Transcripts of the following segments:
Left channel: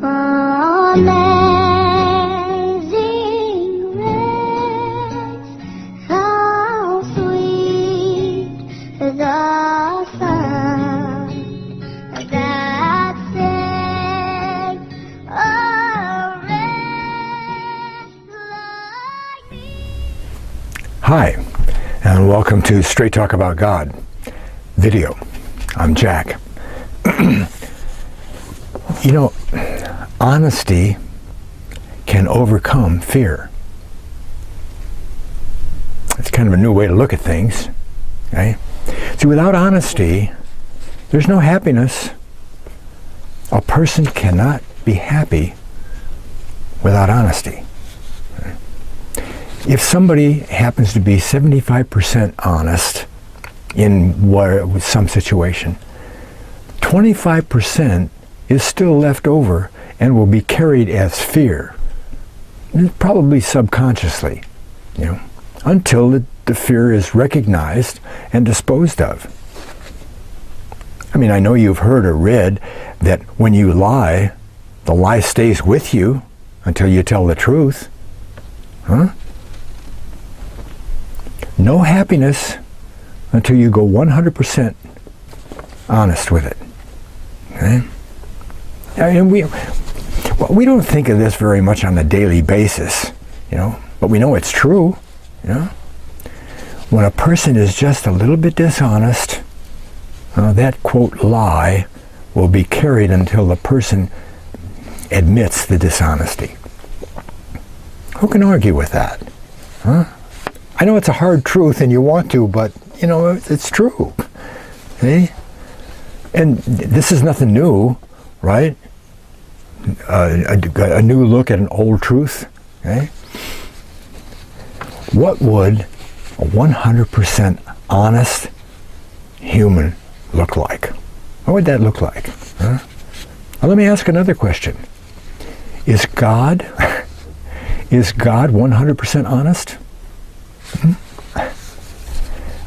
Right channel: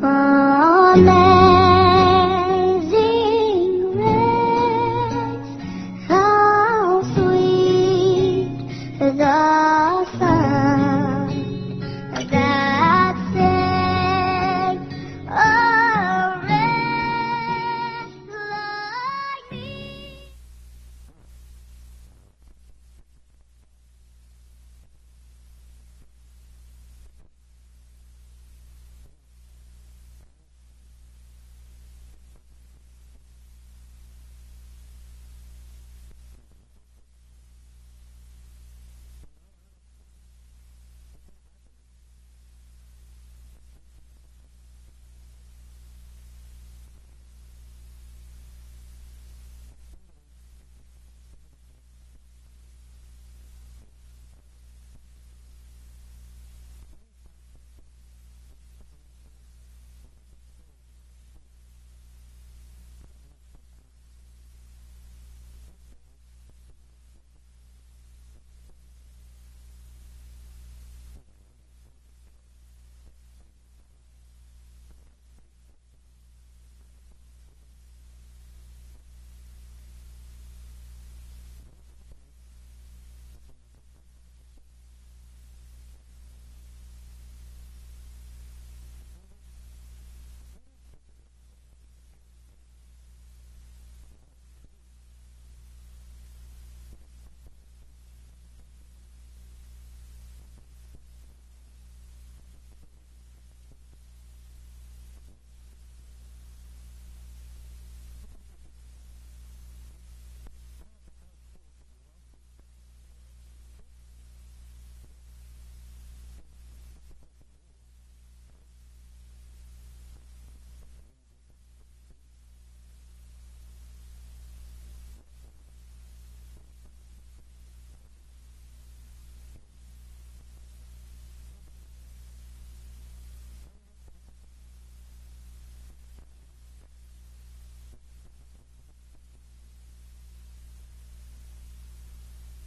Amazing grace, how sweet the sound that saved a wretch like me. Hi, and welcome to Straight Talk About God video. I'm Jack. You know, honesty can overcome fear. It's kind of a new way to look at things. Okay? See, without honesty, there's no happiness. A person cannot be happy without honesty. If somebody happens to be 75% honest in some situation, 25% is still left over and will be carried as fear, probably subconsciously, until the fear is recognized and disposed of. I mean, I know you've heard or read that when you lie, the lie stays with you until you tell the truth. Huh? No happiness until you go 100% honest with it. Okay? And we don't think of this very much on a daily basis, but we know it's true. When a person is just a little bit dishonest, that quote lie will be carried until the person admits the dishonesty. Who can argue with that? Huh? I know it's a hard truth and you want to, but it's true. See? And this is nothing new, right? A new look at an old truth. Okay? What would a 100% honest human look like? What would that look like? Huh? Well, let me ask another question. Is God 100% honest? I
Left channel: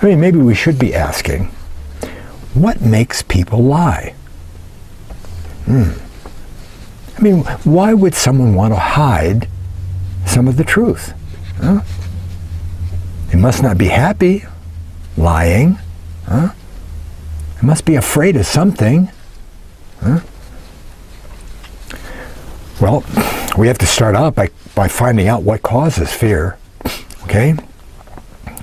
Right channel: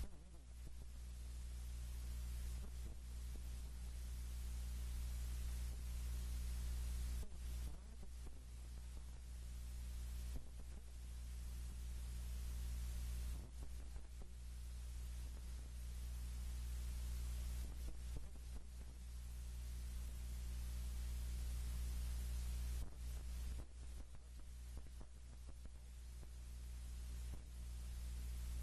mean, maybe we should be asking, what makes people lie? I mean, why would someone want to hide some of the truth? Huh? They must not be happy lying. Huh? They must be afraid of something. Huh? Well, we have to start out by finding out what causes fear. Okay?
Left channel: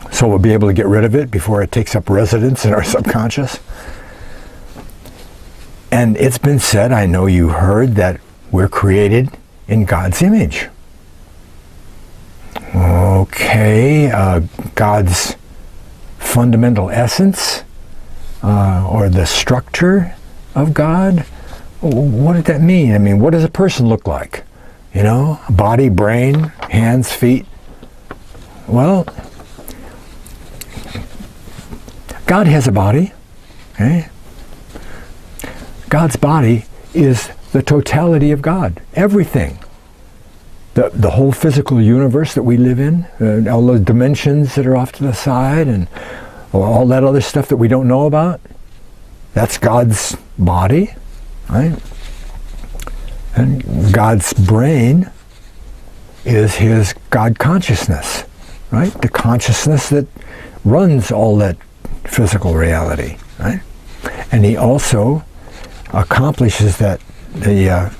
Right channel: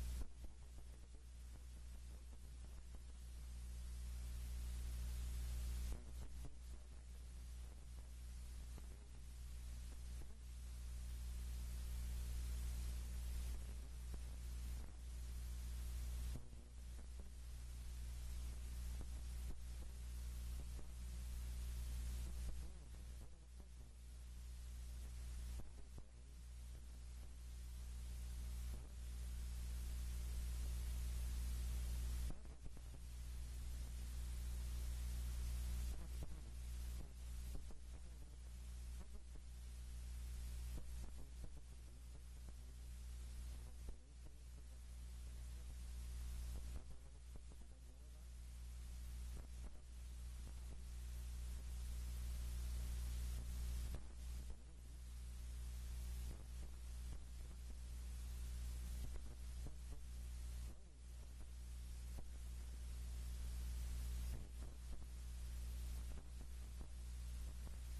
So we'll be able to get rid of it before it takes up residence in our subconscious. And it's been said, I know you heard, that we're created in God's image. Okay, God's fundamental essence, or the structure of God. What did that mean? I mean, what does a person look like? Body, brain, hands, feet. Well, God has a body. Okay? God's body is the totality of God. Everything. The whole physical universe that we live in, all those dimensions that are off to the side, and all that other stuff that we don't know about, that's God's body, right? And God's brain is his God consciousness, right? The consciousness that runs all that physical reality, right? And he also accomplishes that the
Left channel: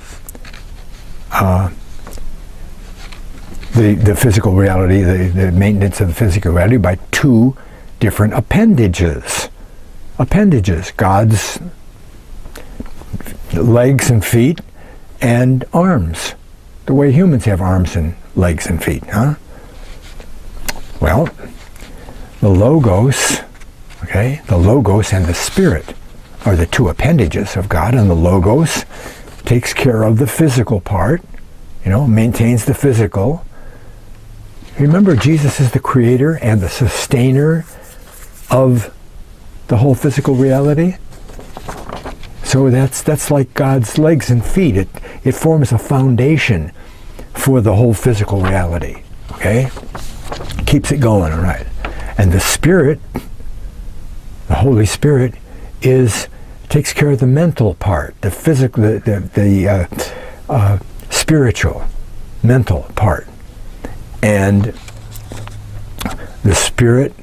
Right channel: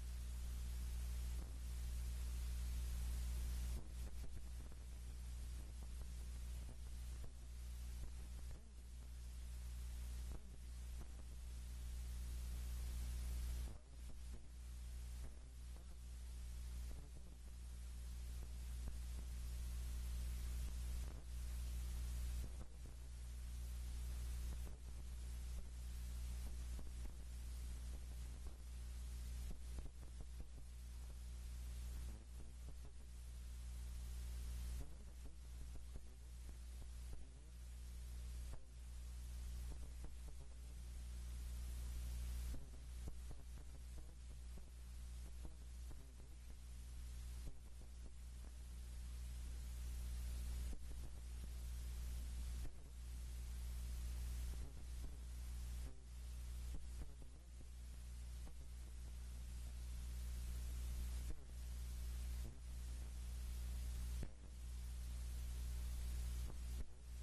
physical reality, the maintenance of the physical reality by two different appendages. God's legs and feet and arms, the way humans have arms and legs and feet, huh? Well, the Logos, the Logos and the Spirit are the two appendages of God, and the Logos takes care of the physical part, maintains the physical. Remember, Jesus is the creator and the sustainer of the whole physical reality. So that's like God's legs and feet. It forms a foundation for the whole physical reality. Okay? Keeps it going, all right. And the Spirit, the Holy Spirit, takes care of the mental part, the physical, the spiritual, mental part. And the spirit,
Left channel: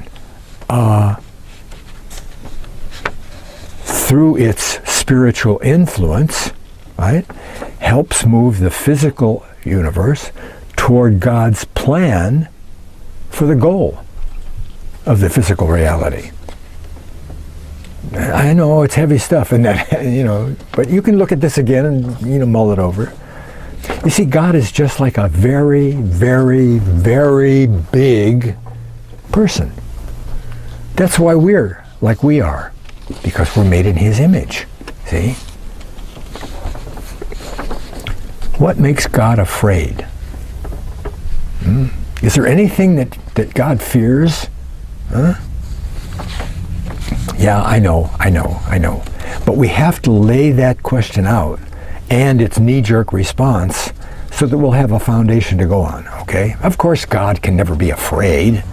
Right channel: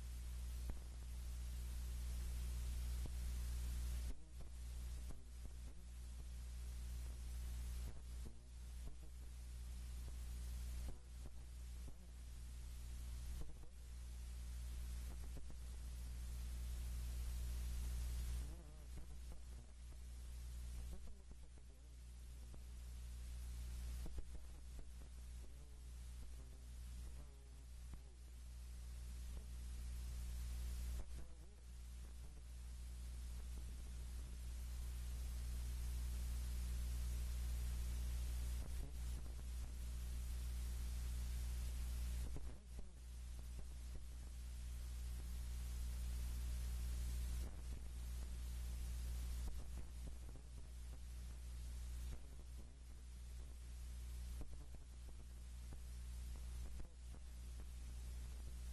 through its spiritual influence, right, helps move the physical universe toward God's plan for the goal of the physical reality. I know it's heavy stuff, and that, but you can look at this again and mull it over. You see, God is just like a very, very, very big person. That's why we're like we are, because we're made in His image. See? What makes God afraid? Is there anything that God fears? Huh? Yeah, I know. But we have to lay that question out and its knee-jerk response so that we'll have a foundation to go on, okay? Of course, God can never be afraid,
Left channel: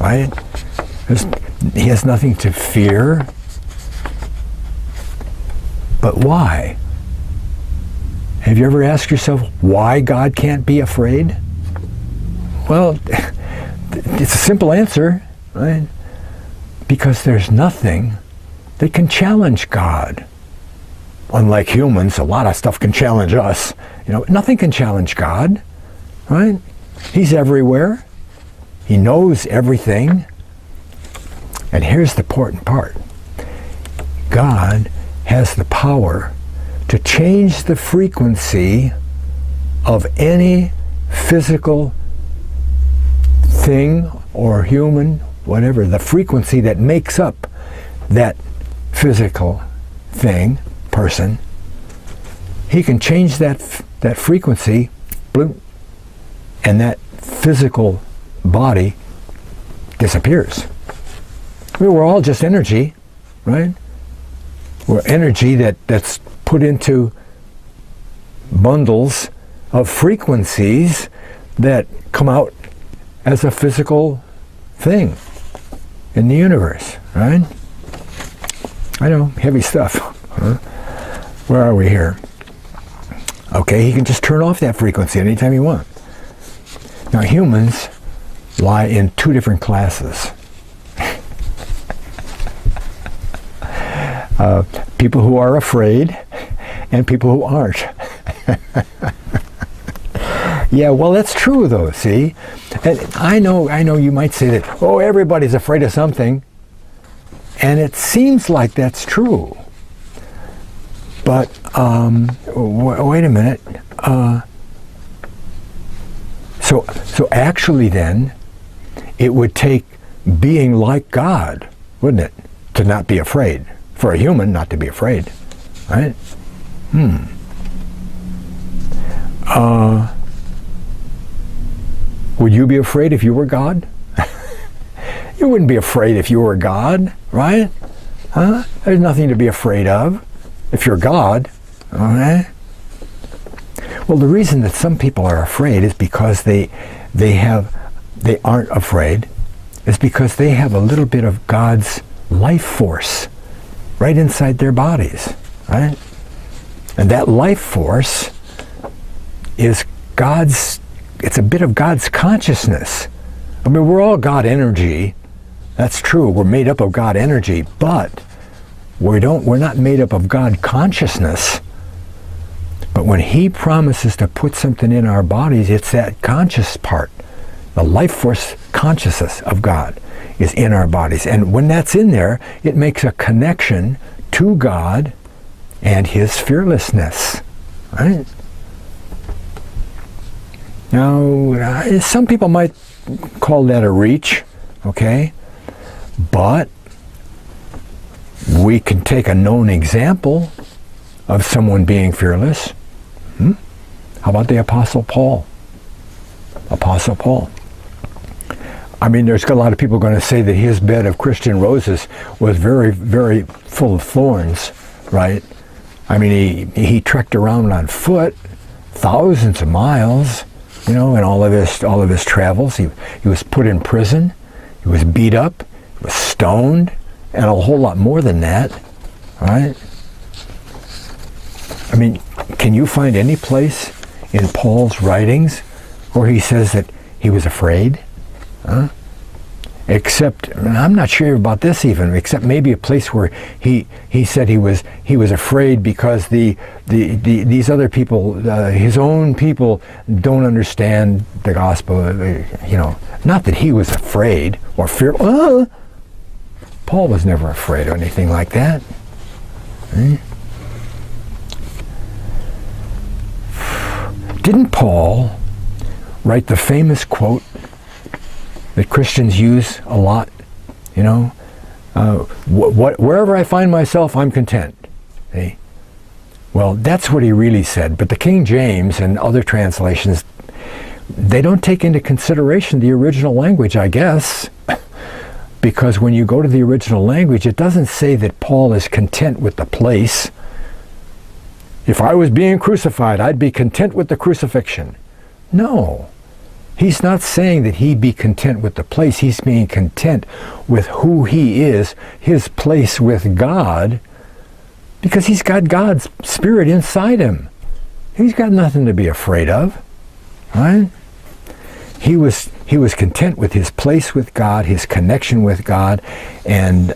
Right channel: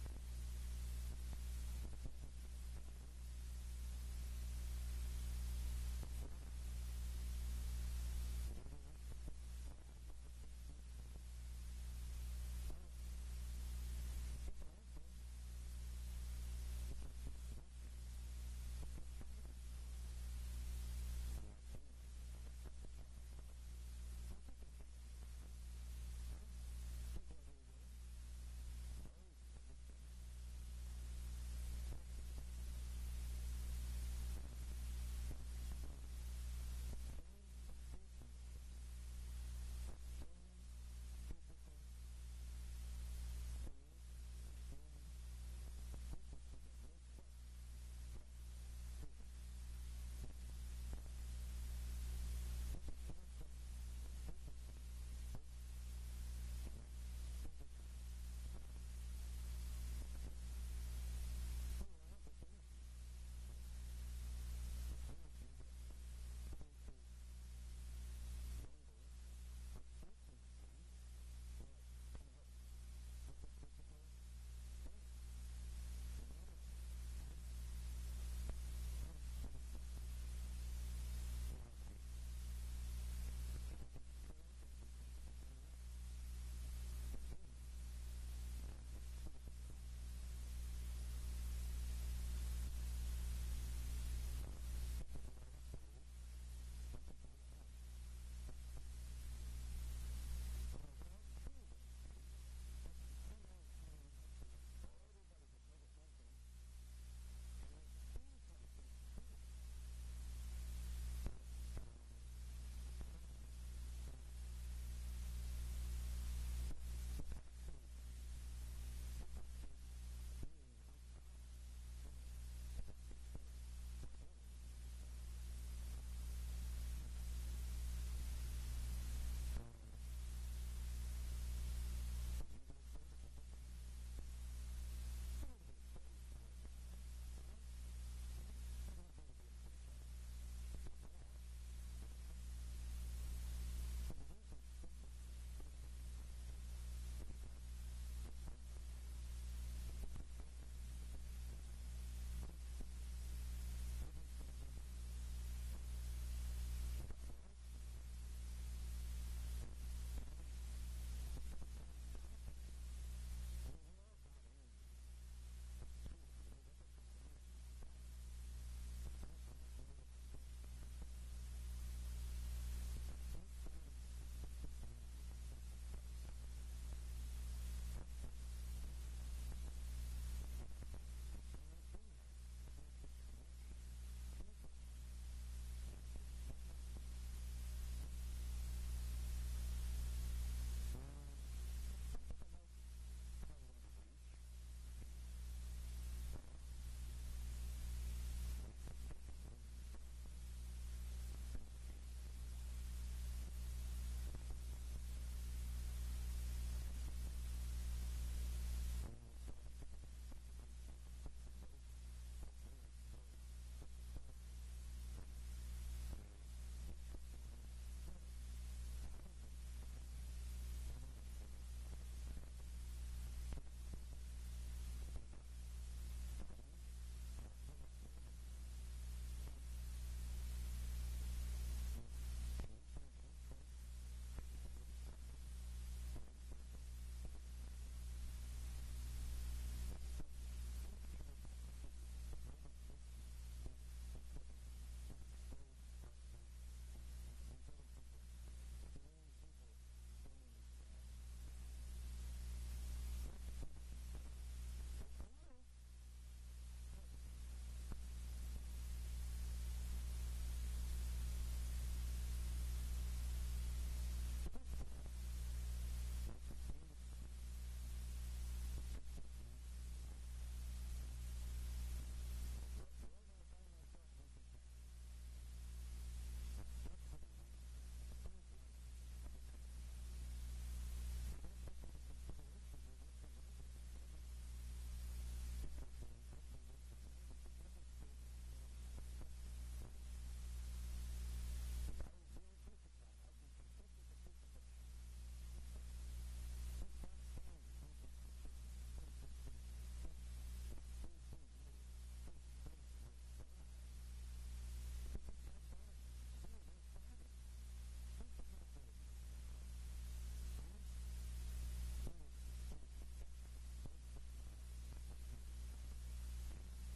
right? He has nothing to fear. But why? Have you ever asked yourself why God can't be afraid? Well, it's a simple answer, right? Because there's nothing that can challenge God. Unlike humans, a lot of stuff can challenge us. Nothing can challenge God, right? He's everywhere. He knows everything. And here's the important part. God has the power to change the frequency of any physical thing or human, whatever, the frequency that makes up that physical thing, person. He can change that frequency, bloop, and that physical body disappears. We're all just energy, right? We're energy that's put into bundles of frequencies that come out as a physical thing in the universe, right? I know, heavy stuff. Huh? Where are we here? Okay, he can just turn off that frequency anytime he wants. Now, humans lie in two different classes. People who are afraid and people who aren't. Yeah, well, that's true, though, see? And I know you might say that, everybody's afraid of something. And it seems like that's true. But, wait a minute. So actually then, it would take being like God, wouldn't it, to not be afraid. For a human not to be afraid, right? Would you be afraid if you were God? You wouldn't be afraid if you were God, right? Huh? There's nothing to be afraid of if you're God, okay? Well, the reason that some people are afraid is because they aren't afraid, is because they have a little bit of God's life force right inside their bodies, right? And that life force is it's a bit of God's consciousness. I mean, we're all God energy. That's true. We're made up of God energy, but we're not made up of God consciousness. But when He promises to put something in our bodies, it's that conscious part. The life force consciousness of God is in our bodies. And when that's in there, it makes a connection to God and His fearlessness, right? Now, some people might call that a reach, okay? But we can take a known example of someone being fearless. How about the Apostle Paul? Apostle Paul. I mean, there's a lot of people going to say that his bed of Christian roses was very, very full of thorns, right? I mean, he trekked around on foot thousands of miles, in all of his travels. He was put in prison. He was beat up. He was stoned, and a whole lot more than that, right? I mean, can you find any place in Paul's writings where he says that he was afraid? Huh? Except, I'm not sure about this even, except maybe a place where he said he was afraid because these other people, his own people, don't understand the gospel. Not that he was afraid or fearful. Paul was never afraid or anything like that. Didn't Paul write the famous quote that Christians use a lot? Wherever I find myself, I'm content. See? Well, that's what he really said. But the King James and other translations, they don't take into consideration the original language, I guess. Because when you go to the original language, it doesn't say that Paul is content with the place. If I was being crucified, I'd be content with the crucifixion. No. He's not saying that he be content with the place. He's being content with who he is, his place with God, because he's got God's Spirit inside him. He's got nothing to be afraid of, right? He was content with his place with God, his connection with God, and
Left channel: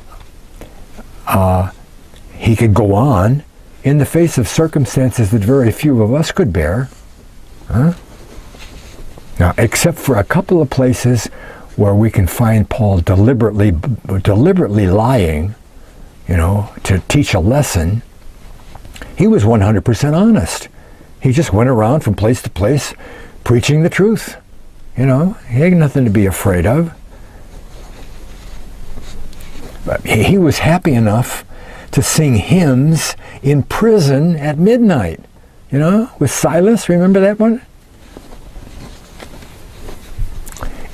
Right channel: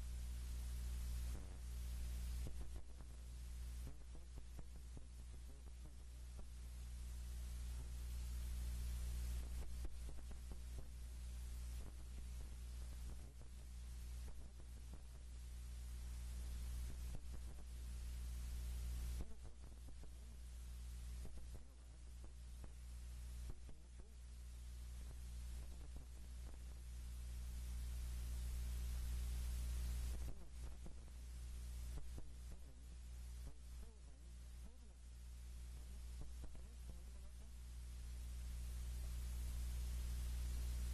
he could go on in the face of circumstances that very few of us could bear. Huh? Now, except for a couple of places where we can find Paul deliberately lying, to teach a lesson, he was 100% honest. He just went around from place to place preaching the truth. He had nothing to be afraid of. But he was happy enough to sing hymns in prison at midnight, with Silas. Remember that one?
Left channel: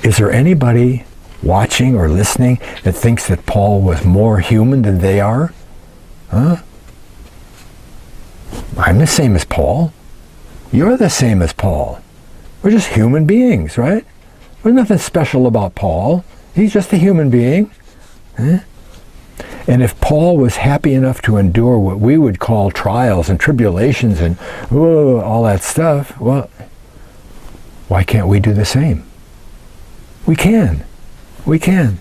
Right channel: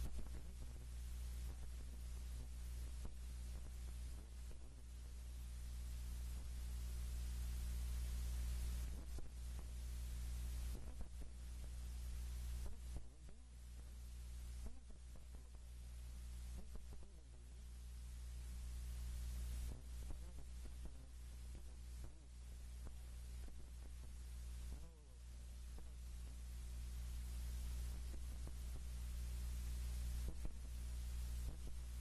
Is there anybody watching or listening that thinks that Paul was more human than they are? Huh? I'm the same as Paul. You're the same as Paul. We're just human beings, right? There's nothing special about Paul. He's just a human being. Huh? And if Paul was happy enough to endure what we would call trials and tribulations and all that stuff, well, why can't we do the same? We can. We can.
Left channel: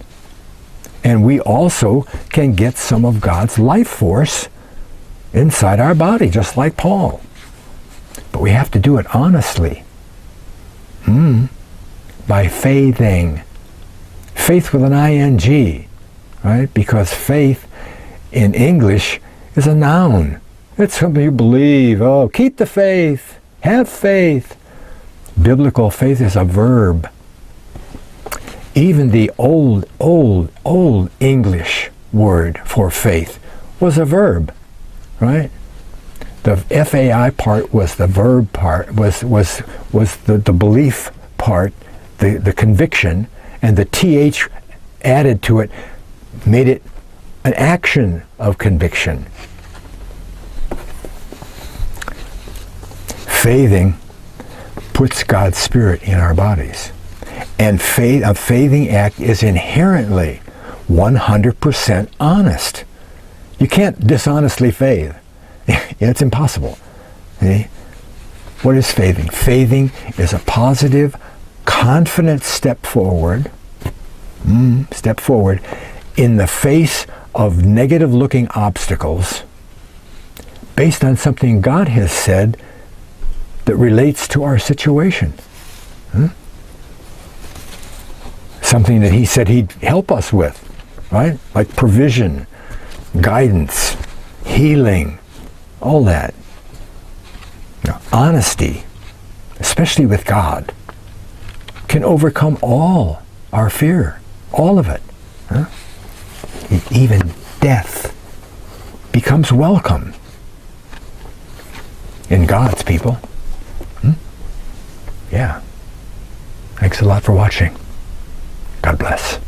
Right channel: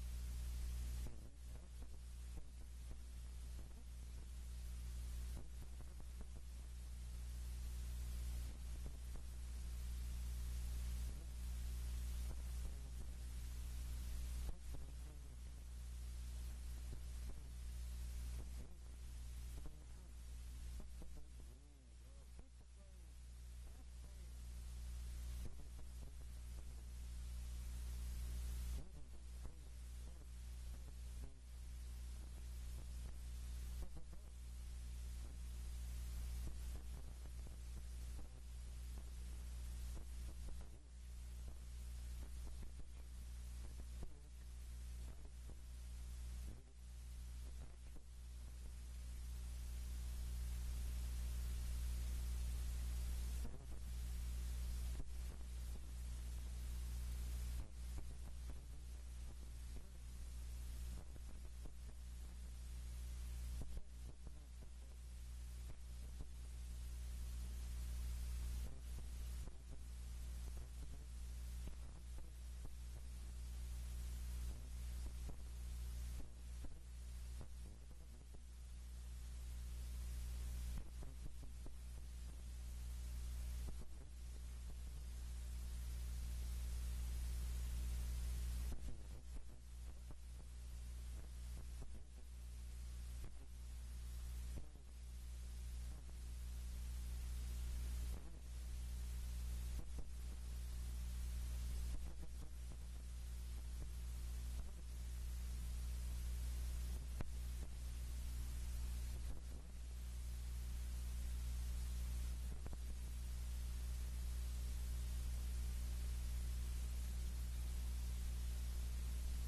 And we also can get some of God's life force inside our body, just like Paul. But we have to do it honestly. By faithing. Faith with an ing, right? Because faith in English is a noun. It's something you believe. Oh, keep the faith. Have faith. Biblical faith is a verb. Even the old English word for faith was a verb, right? The FAI part was the verb part, was the belief part, the conviction, and the TH added to it made it an action of conviction. Faithing puts God's Spirit in our bodies. And a faithing act is inherently 100% honest. You can't dishonestly faith. It's impossible. See? What is faithing? Faithing is a positive, confident step forward in the face of negative-looking obstacles based on something God has said that relates to our situation. Something that he said he'd help us with, right? Like provision, guidance, healing, all that. Now, honesty, especially with God, can overcome all our fear, all of it. Huh? Even death becomes welcome in God's people. Yeah. Thanks a lot for watching. God bless.